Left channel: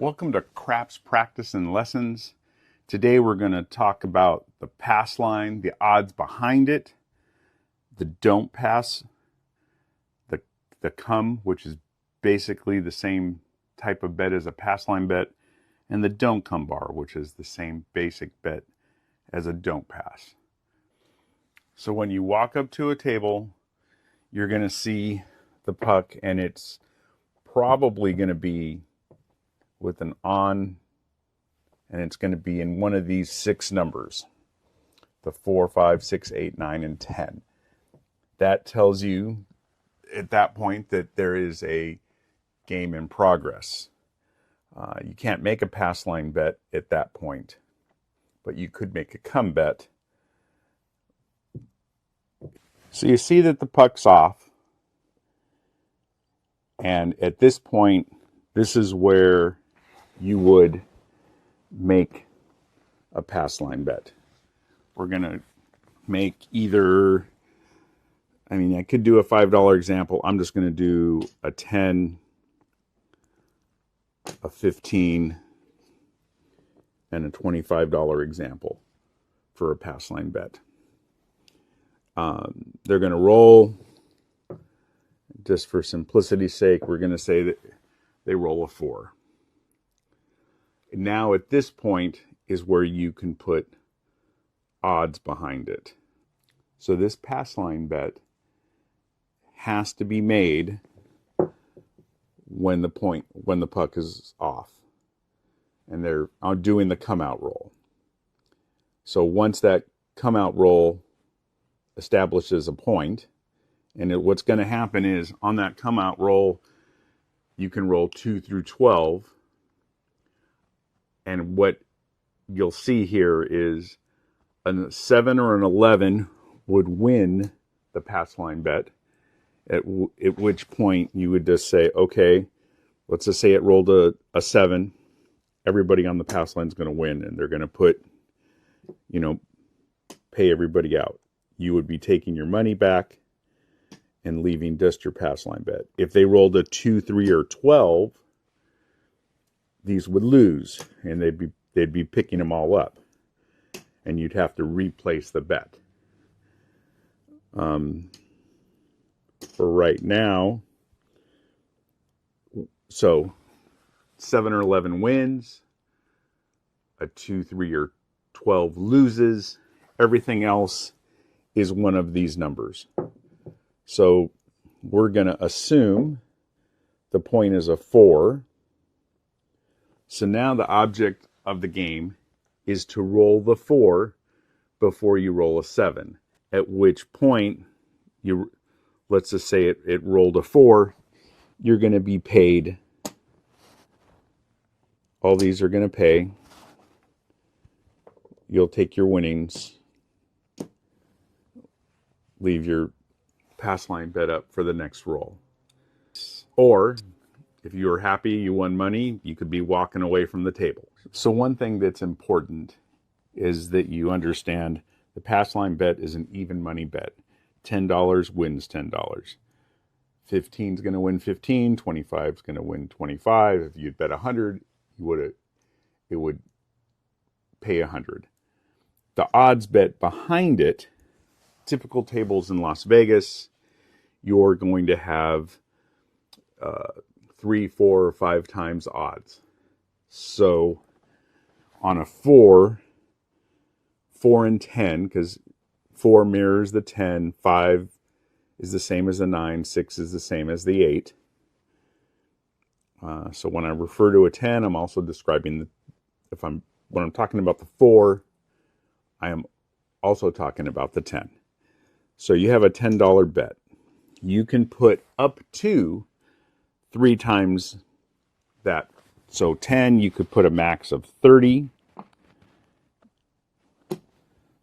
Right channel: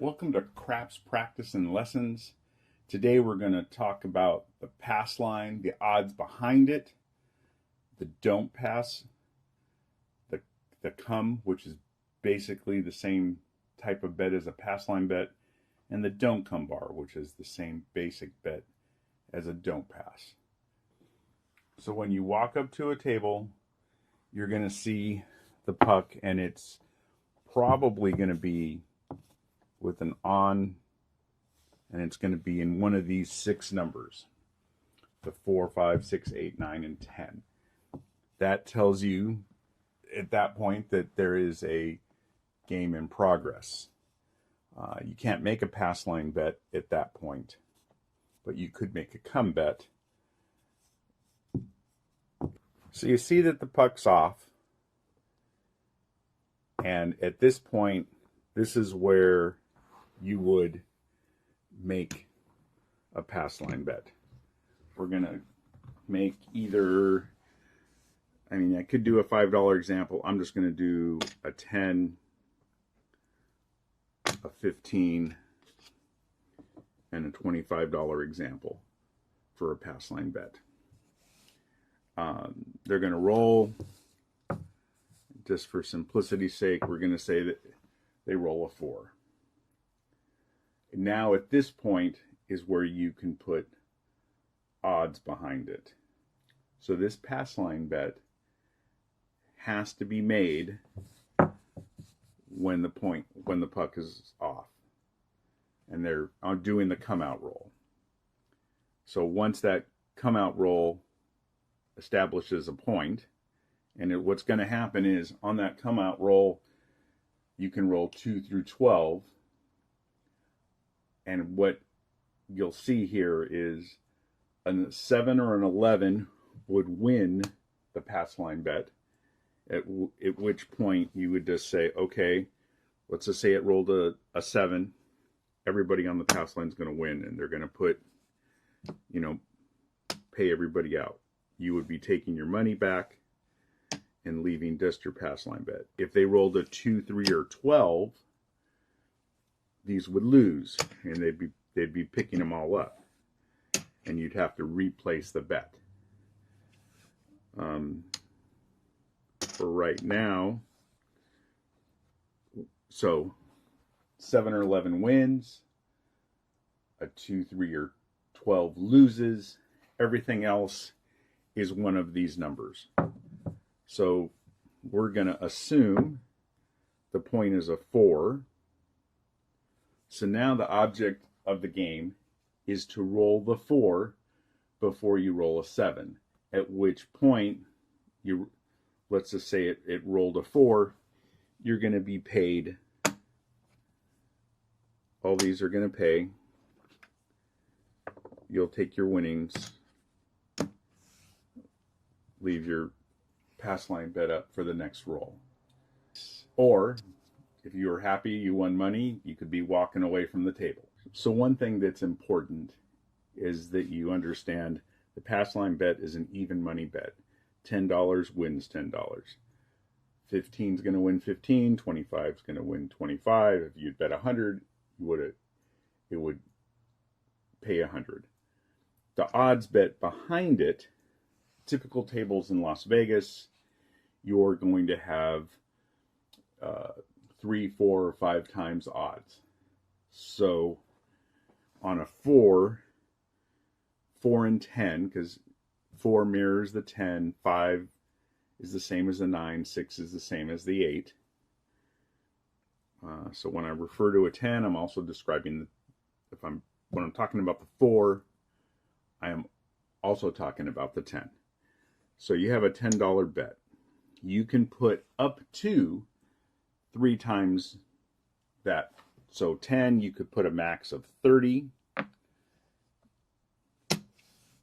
Welcome to Craps Practice and Lessons. Today we're going to talk about the pass line, the odds behind it, the don't pass, the come, which is basically the same type of bet as a pass line bet, and the don't come bar, which is the same basic bet as a don't pass. So when you walk up to a table, you're going to see the puck, and it's probably going to be with an on, and it's going to be in one of these 6 numbers, the 4, 5, 6, 8, 9, and 10. That tells you at that point that there is a game in progress. You can't make a pass line bet at that point, but you could make a come bet. So you see that the puck's off, and at this point, this is where you would make a pass line bet. We're going to make either, I could do a $5 example. I'm just going to do a 10, a 15, and a $25 example for a pass line bet. They're going to roll. Just for simplicity's sake, we're going to say that they roll a 4. Now at this point is where you can put odds behind it. So this pass line bet has to be made when the puck is off, and they're doing the come out roll. So once that come out roll establishes a point, and what's going to happen is on that come out roll, you can roll 2 through 12. And what you'll see here is a 7 or an 11 would win the pass line bet, at which point you would just say, okay, let's just say it rolled a 7. Everybody on the pass line is going to win, and they're going to put, pay everybody out. You would be taking your money back and leaving just your pass line bet. If they rolled a 2, 3, or 12, these would lose, and they'd be picking them all up, and you'd have to replace the bet. For right now, so 7 or 11 wins, a 2, 3, or 12 loses. Everything else is one of these numbers. So we're going to assume the point is a 4. So now the object of the game is to roll the 4 before you roll a 7. At which point, let's just say it rolled a 4, you're going to be paid. All these are going to pay. You'll take your winnings, leave your pass line bet up for the next roll. Or if you were happy you won money, you could be walking away from the table. So one thing that's important is that you understand the pass line bet is an even money bet. $10 wins $10. 15 is going to win 15. 25 is going to win 25. If you'd bet 100, it would pay 100. The odds bet behind it, typical tables in Las Vegas, you're going to have 3, 4, or 5 times odds. So on a 4 and 10, because 4 mirrors the 10, 5 is the same as the 9, 6 is the same as the 8. So when I refer to a 10, I'm also describing when I'm talking about the 4, I am also talking about the 10. So you have a $10 bet. You can put up to 3 times that. So 10, you could put a max of 30.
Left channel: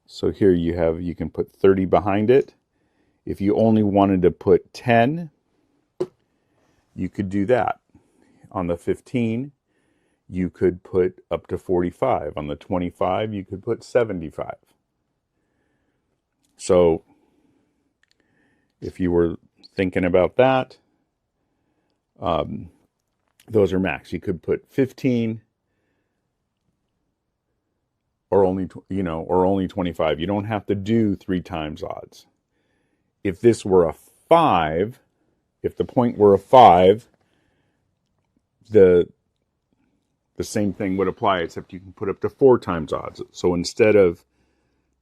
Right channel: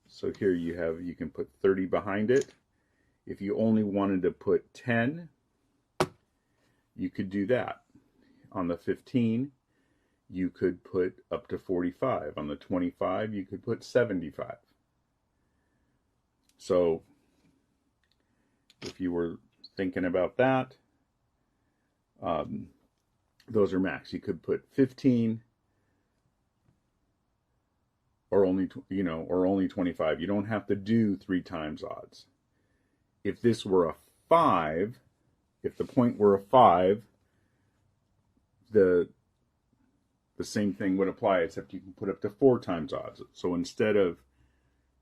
So here you can put 30 behind it. If you only wanted to put 10, you could do that. On the 15, you could put up to 45. On the 25, you could put 75. So if you were thinking about that, those are max. You could put 15 or only, or only 25. You don't have to do 3 times odds. If this were a 5, if the point were a 5, the same thing would apply, except you can put up to 4 times odds. So instead of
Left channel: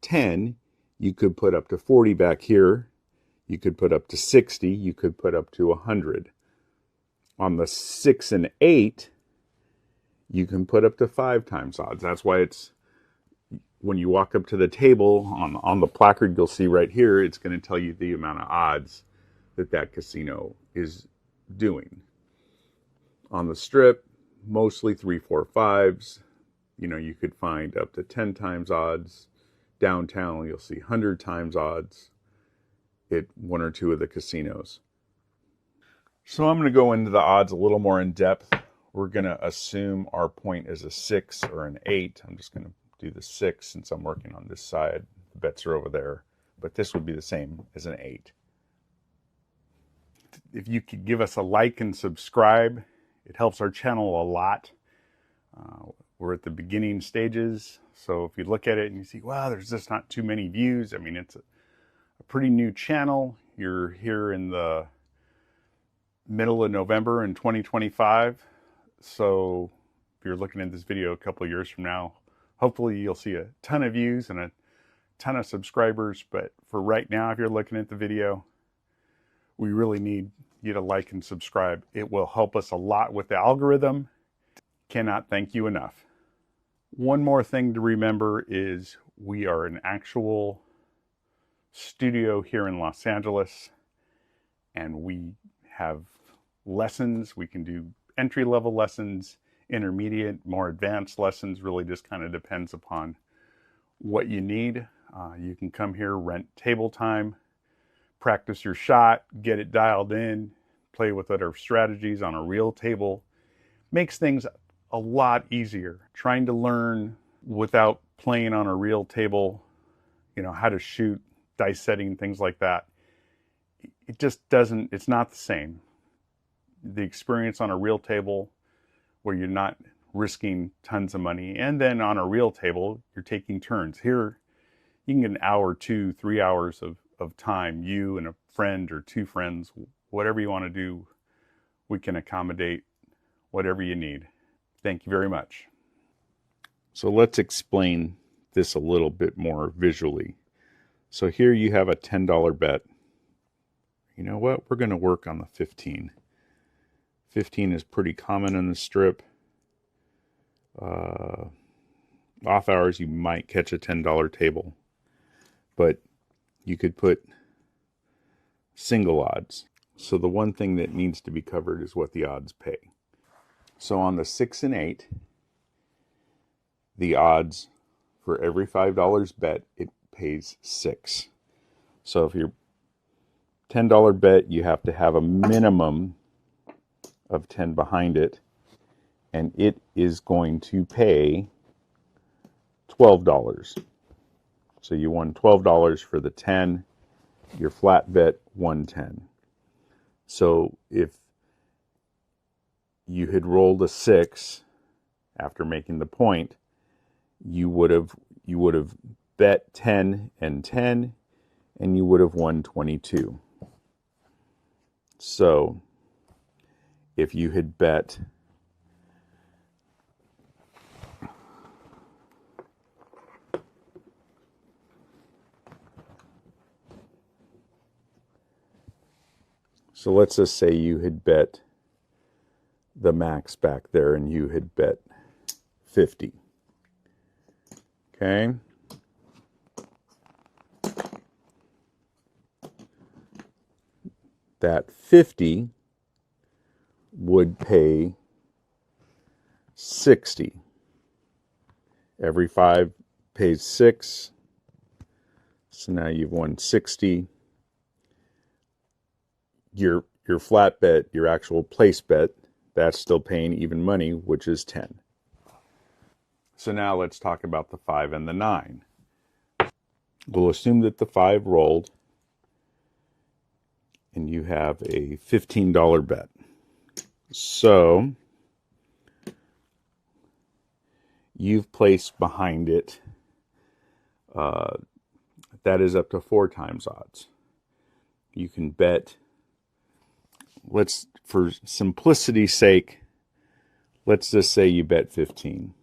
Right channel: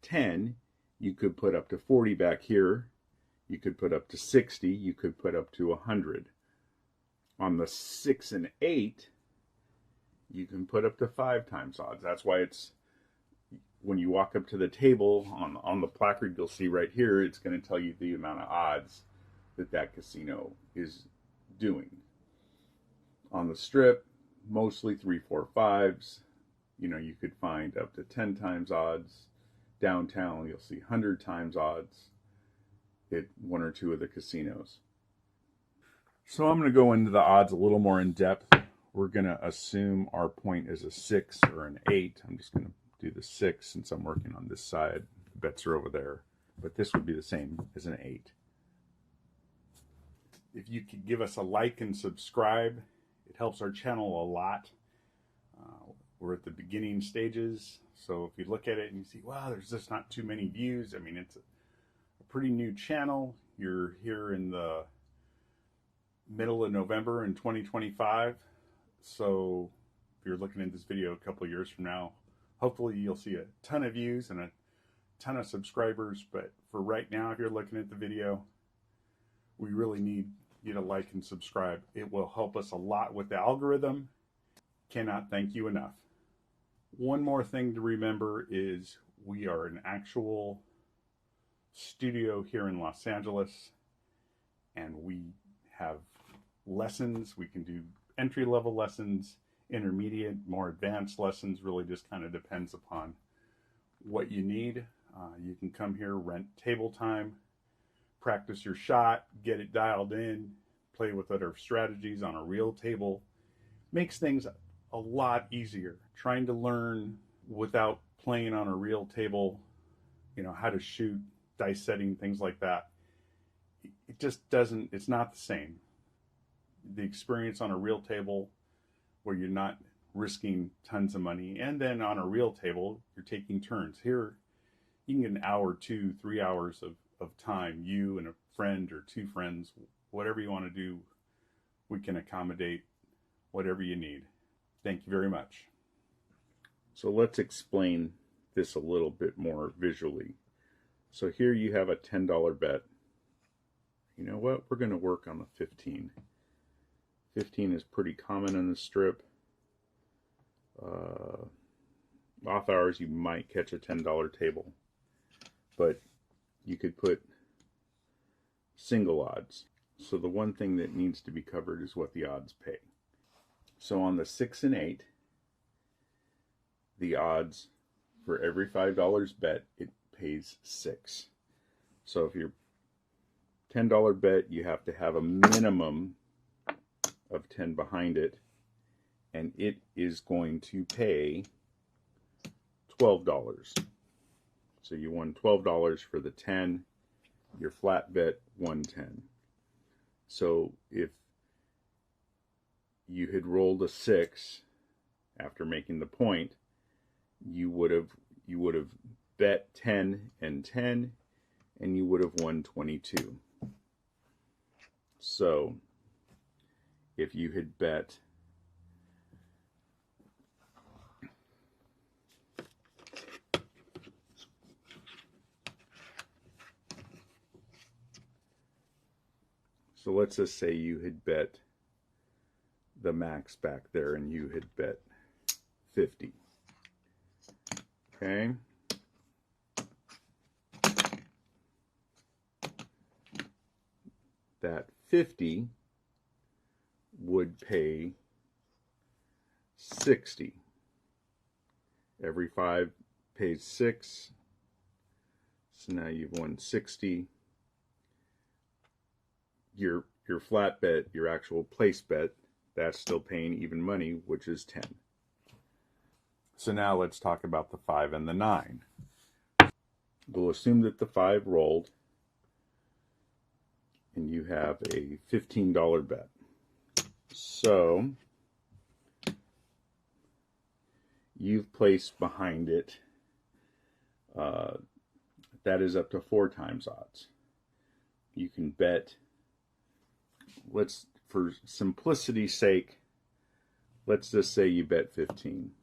10, you could put up to 40 back here. You could put up to 60. You could put up to 100. On the 6 and 8, you can put up to 5 times odds. That's why it's, when you walk up to the table on the placard you'll see right here, it's going to tell you the amount of odds that casino is doing. On the strip, mostly 3, 4, 5s. You could find up to 10 times odds. Downtown, you'll see 100 times odds at 1 or 2 of the casinos. So I'm going to go into the odds a little more in depth. We're going to assume our point is a 6 or an 8. I'm just going to do the 6 since I'm working on this side. Bets are over there, but this would be the same as an 8. If you could give us a like and subscribe, it helps our channel a lot. We're at the beginning stages, so if you look at it and you see, wow, there's just not too many views. I mean, it's a pretty new channel. You're here in the middle of November in 2025. So if you're looking at this video a couple of years from now, hopefully you'll see a ton of views and a ton of subscribers. But for right now, if you're looking at the video, we really need you to like and subscribe. It will help us a lot with the algorithm. Cannot thank you enough. One more thing to remember is we are an actual studio here in Los Angeles, and we have lessons. We can do entry-level lessons, intermediate, more advanced lessons. Really just kind of depends upon what you need. You can come here, rent table time, practice your shot, get it dialed in, play with other strategies on a real table. Makes things a lot easier. Trying to learn without playing on a real table, how to shoot, dice setting, things like that. It just doesn't, it's not the same. The experience on a real table where you're not risking tons of money, and then on a real table, you're taking turns. Here, you can get an hour, 2, 3 hours of time, you and a friend or 2 friends, whatever you want to do, we can accommodate whatever you need. Thank you very much. So let's explain this a little bit more visually. So here you have a $10 bet. You know what? We're going to work on the 15. 15 is pretty common in the strip. Off hours, you might catch a $10 table, but you could put single odds. So the one thing that needs to be covered is what the odds pay. So on the 6 and 8, the odds for every $5 bet, it pays 6. So if you're $10 bet, you have to have a minimum of 10 behind it, and it is going to pay $12. So you won $12 for the 10. Your flat bet won 10. So if you had rolled a 6 after making the point, you would have bet 10 and 10, and you would have won 22. So if you had bet so let's just say you had bet the max back there and you had bet 50. Okay. That 50 would pay 60. Every 5 pays 6. So now you've won 60. Your flat bet, your actual place bet, that's still paying even money, which is 10. So now let's talk about the 5 and the 9. We'll assume that the 5 rolled and you have a $15 bet. So you've placed behind it, that is up to 4 times odds. You can bet, for simplicity's sake, let's just say you bet 15.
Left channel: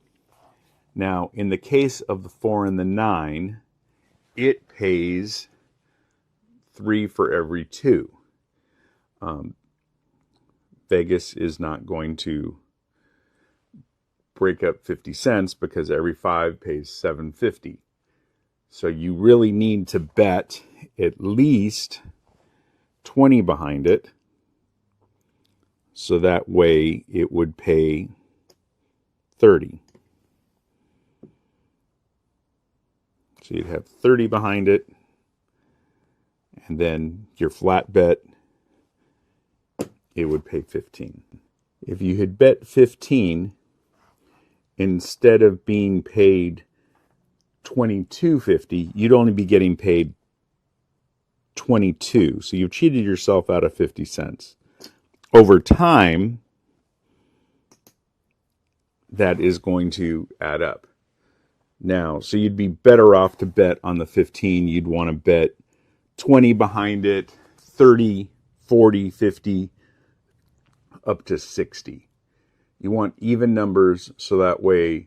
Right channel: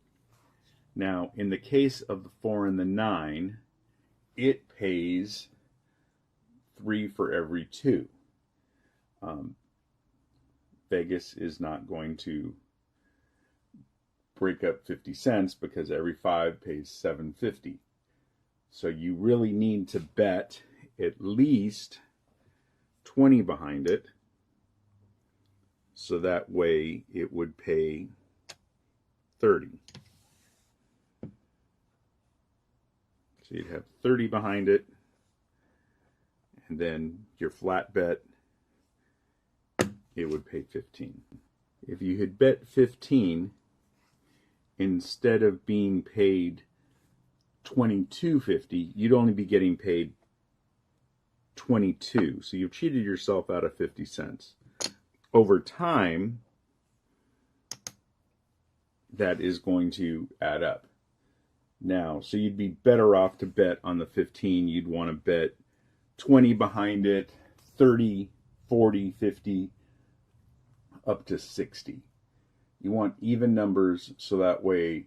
Now, in the case of the 4 and the 9, it pays 3 for every 2. Vegas is not going to break up 50 cents because every 5 pays $7.50. So you really need to bet at least 20 behind it. So that way it would pay 30. So you'd have 30 behind it. And then your flat bet, it would pay 15. If you had bet 15, instead of being paid $22.50, you'd only be getting paid 22. So you've cheated yourself out of 50 cents. Over time, that is going to add up. Now, so you'd be better off to bet on the 15. You'd want to bet 20 behind it, 30, 40, 50, up to 60. You want even numbers, so that way,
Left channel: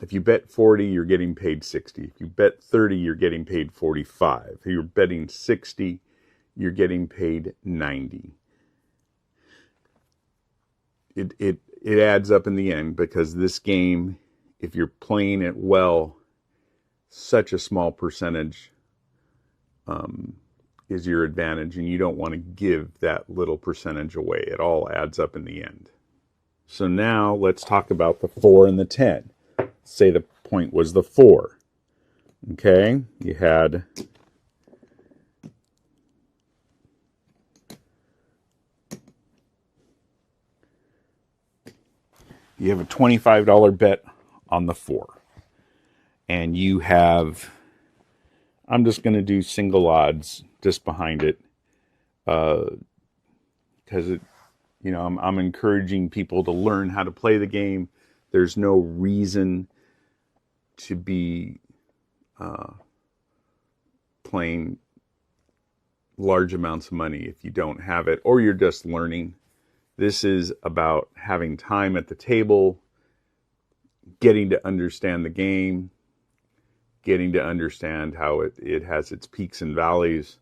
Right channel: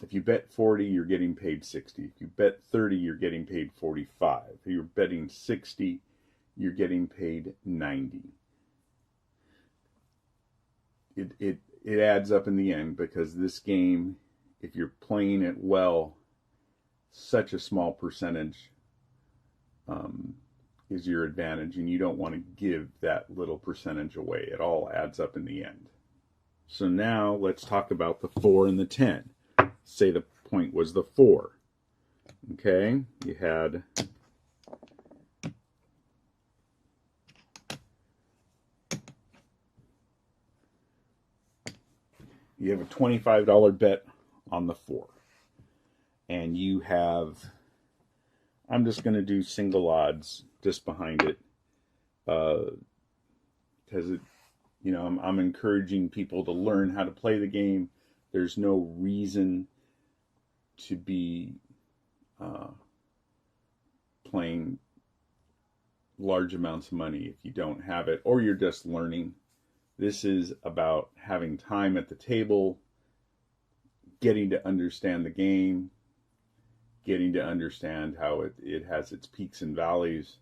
if you bet 40, you're getting paid 60. If you bet 30, you're getting paid 45. If you're betting 60, you're getting paid 90. It adds up in the end, because this game, if you're playing it well, such a small percentage is your advantage, and you don't want to give that little percentage away. It all adds up in the end. So now let's talk about the 4 and the 10. Say the point was the 4. Okay, you have a $25 bet on the 4. And you have, I'm just going to do single odds just behind it, because I'm encouraging people to learn how to play the game. There's no reason to be playing large amounts of money if you don't have it, or you're just learning. This is about having time at the table, getting to understand the game, getting to understand how it has its peaks and valleys.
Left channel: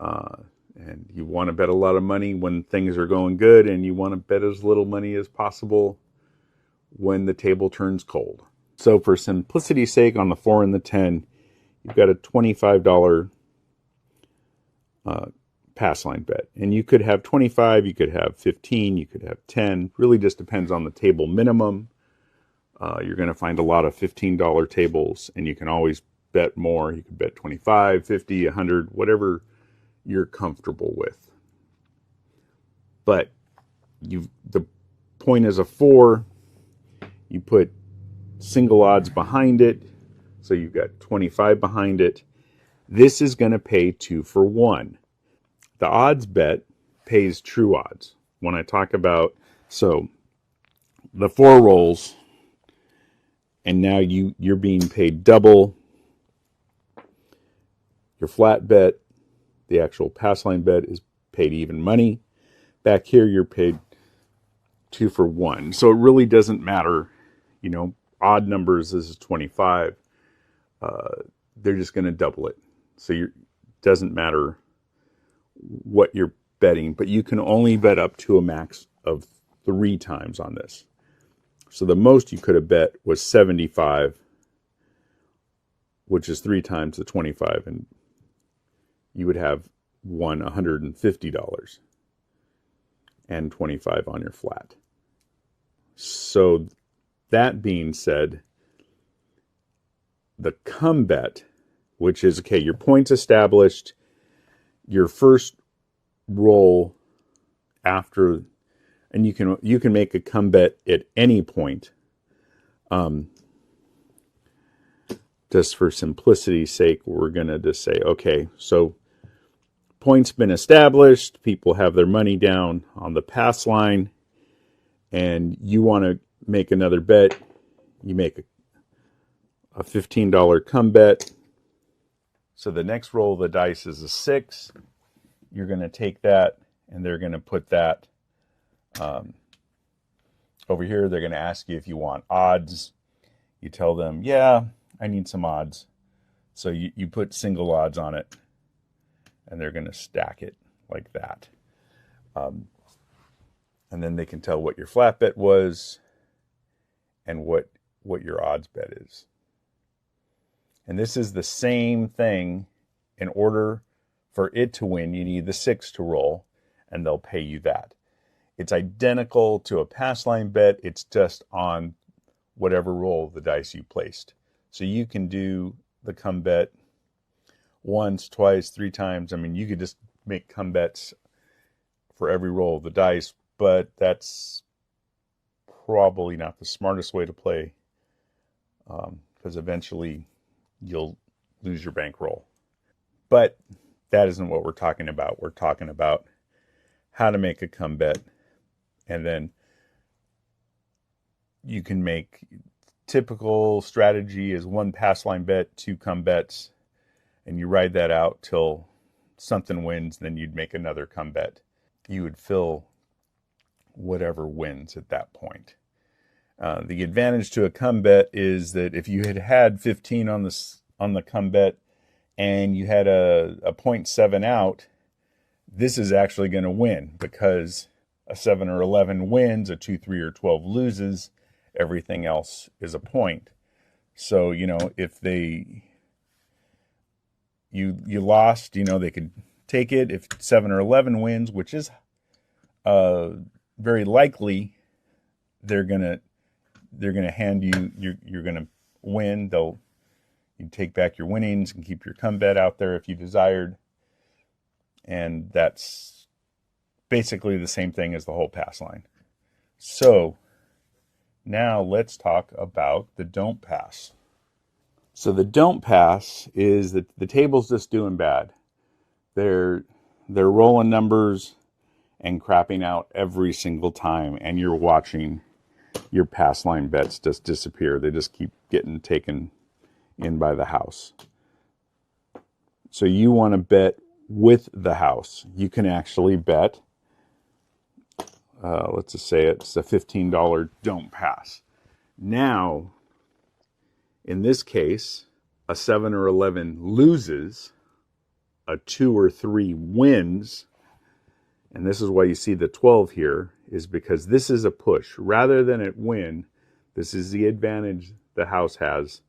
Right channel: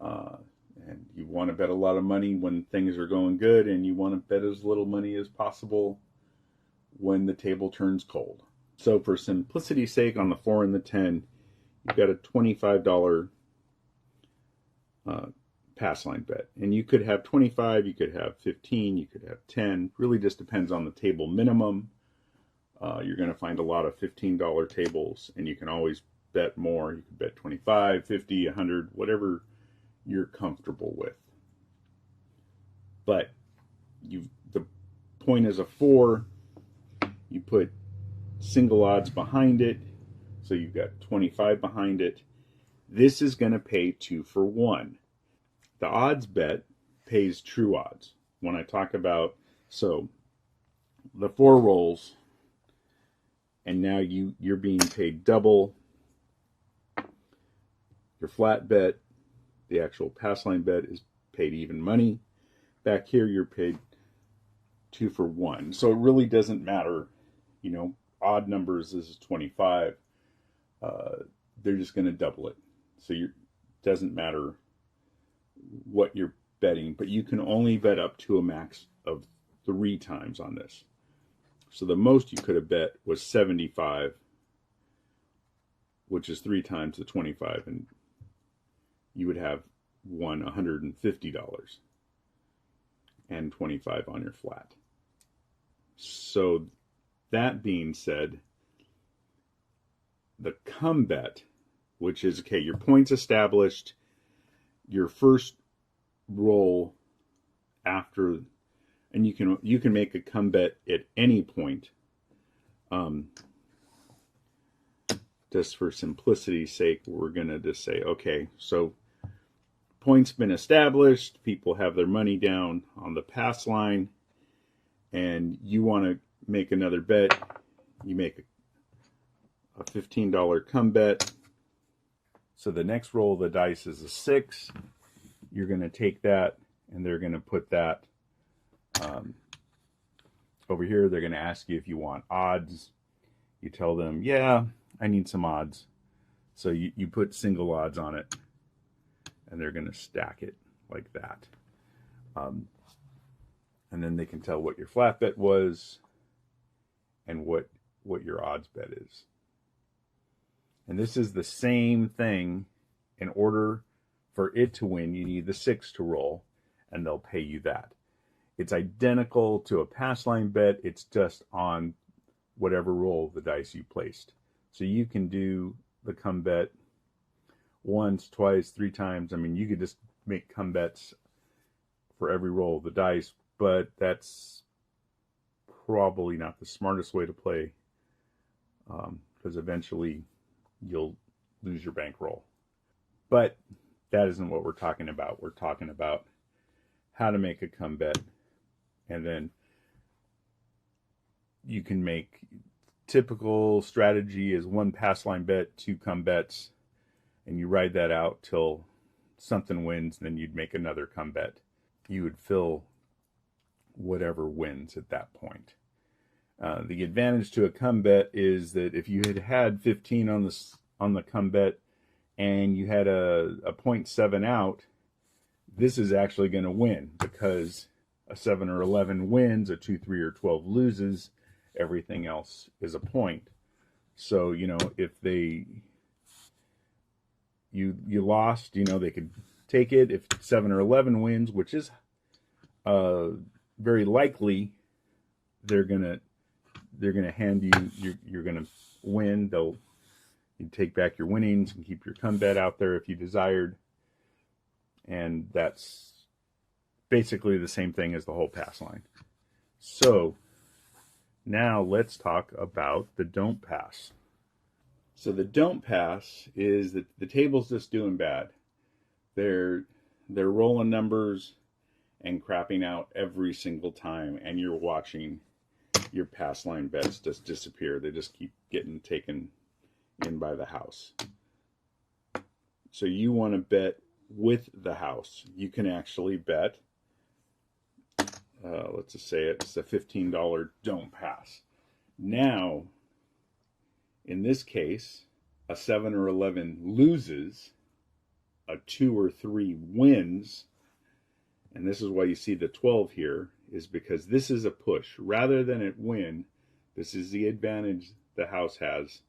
And you want to bet a lot of money when things are going good, and you want to bet as little money as possible when the table turns cold. So for simplicity's sake, on the 4 and the 10, you've got a $25 PassLine bet. And you could have 25, you could have 15, you could have 10. Really just depends on the table minimum. You're going to find a lot of $15 tables, and you can always bet more. You could bet 25, 50, 100, whatever you're comfortable with. But the point is a 4. You put single odds behind it, so you've got 25 behind it. This is going to pay 2 for 1. The odds bet pays true odds. When I talk about, so the 4 rolls, and now you're being paid double. Your flat bet, the actual PassLine bet, is paid even money. Back here, you're paid 2 for 1. So it really doesn't matter, odd numbers, this is 25. They're just going to double it. So it doesn't matter what you're betting, but you can only bet up to a max of 3 times on this. So the most you could have bet was 75, which is 3 times the 25, and you would have won $150 and 25 on your flat. So that being said, the come bet, which is, okay, your points established, your first roll after, and you can make a come bet at any point. Just for simplicity's sake, we're going to just say, okay, so points been established, people have their money down on the PassLine, and you want to make another bet. You make a $15 come bet. So the next roll of the dice is a 6. You're going to take that, and they're going to put that over here. They're going to ask you if you want odds. You tell them, yeah, I need some odds. So you put single odds on it, and they're going to stack it like that. And then they can tell what your flat bet was and what your odds bet is. And this is the same thing. In order for it to win, you need the 6 to roll, and they'll pay you that. It's identical to a PassLine bet. It's just on whatever roll of the dice you placed. So you can do the come bet once, twice, 3 times. I mean, you could just make come bets for every roll of the dice, but that's probably not the smartest way to play, because eventually you'll lose your bankroll. But that isn't what we're talking about. We're talking about how to make a come bet, and then you can make typical strategy is 1 PassLine bet, 2 come bets, and you ride that out till something wins. Then you'd make another come bet. You would fill whatever wins at that point. The advantage to a come bet is that if you had 15 on the come bet and you had a 0.7 out, this is actually going to win, because a 7 or 11 wins, a 2, 3, or 12 loses. Everything else is a point. So, if you lost, they could take it. If 7 or 11 wins, which is very likely, they're gonna hand you're gonna win. You take back your winnings and keep your come bet out there if you desired. And that's basically the same thing as the whole PassLine. So now let's talk about the don't pass. So the don't pass is that the table's just doing bad. They're rolling numbers and crapping out every single time, and you're watching your PassLine bets just disappear. They just keep getting taken in by the house. So you want to bet with the house. You can actually bet, let's just say it's a $15 don't pass. Now, in this case, a 7 or 11 loses, a 2 or 3 wins, and this is why you see the 12 here, is because this is a push. Rather than it win, this is the advantage the house has.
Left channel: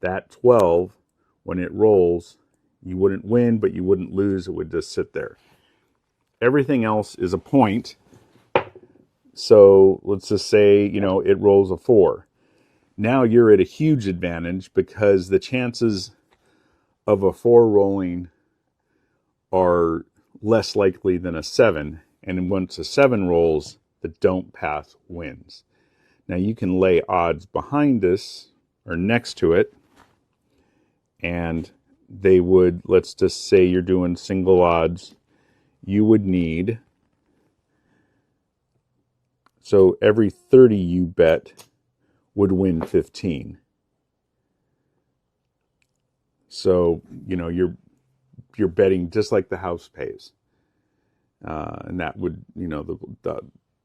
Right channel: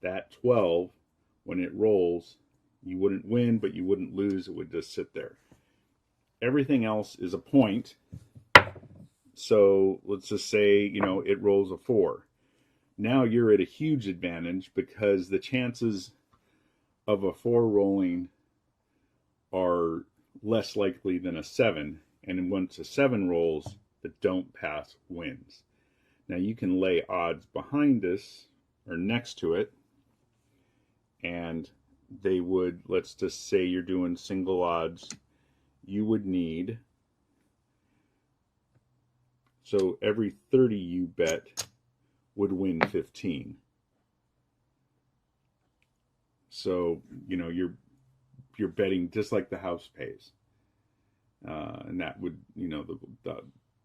That 12, when it rolls, you wouldn't win, but you wouldn't lose. It would just sit there. Everything else is a point. So let's just say, it rolls a 4. Now you're at a huge advantage, because the chances of a 4 rolling are less likely than a 7. And once a 7 rolls, the don't pass wins. Now you can lay odds behind this or next to it, and they would, let's just say you're doing single odds, you would need, so every 30 you bet would win 15. So, you're betting just like the house pays. And that would, the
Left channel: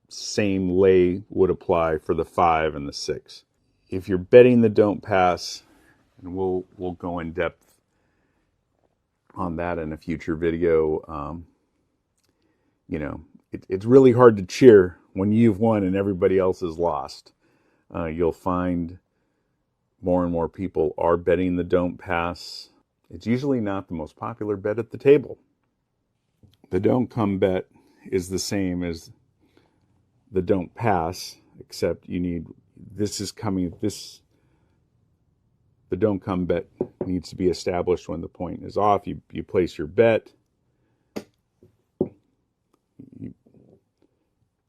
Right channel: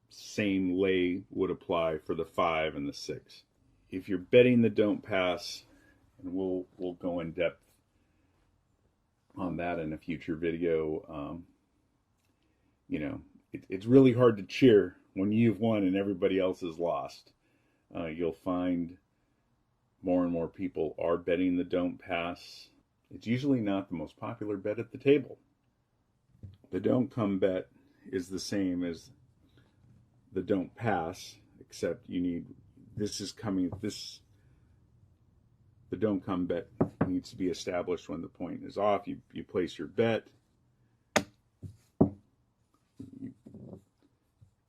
same lay would apply for the 5 and the 6. If you're betting the don't pass, and we'll go in depth on that in a future video, it's really hard to cheer when you've won and everybody else has lost. You'll find more and more people are betting the don't pass. It's usually not the most popular bet at the table. The don't come bet is the same as the don't pass, except the don't come bet needs to be established when the point is off. You place your bet.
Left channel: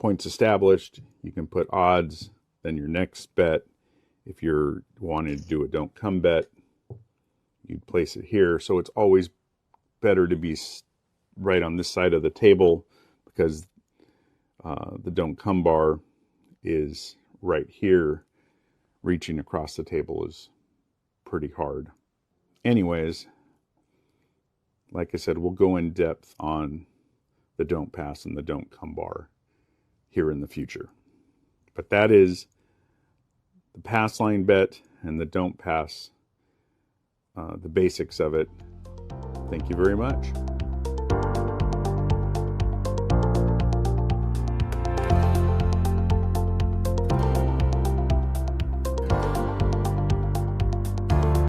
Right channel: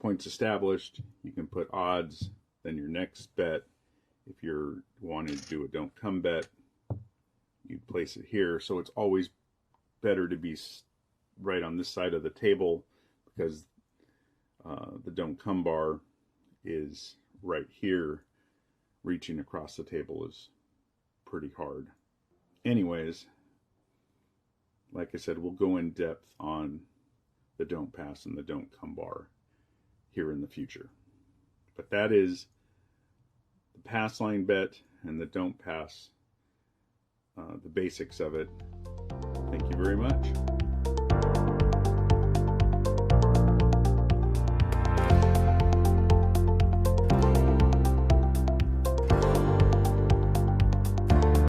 Points established, you can put odds. Then your next bet, if you're wanting to do a don't come bet, you'd place it here. So it's always better to be right on this side of the table, because the don't come bar is right here. Reaching across the table is pretty hard. Anyways, like I said, we'll go in depth on the don't pass and the don't come bar here in the future. But that is the PassLine bet and the don't pass, the basics of it. Thank you very much.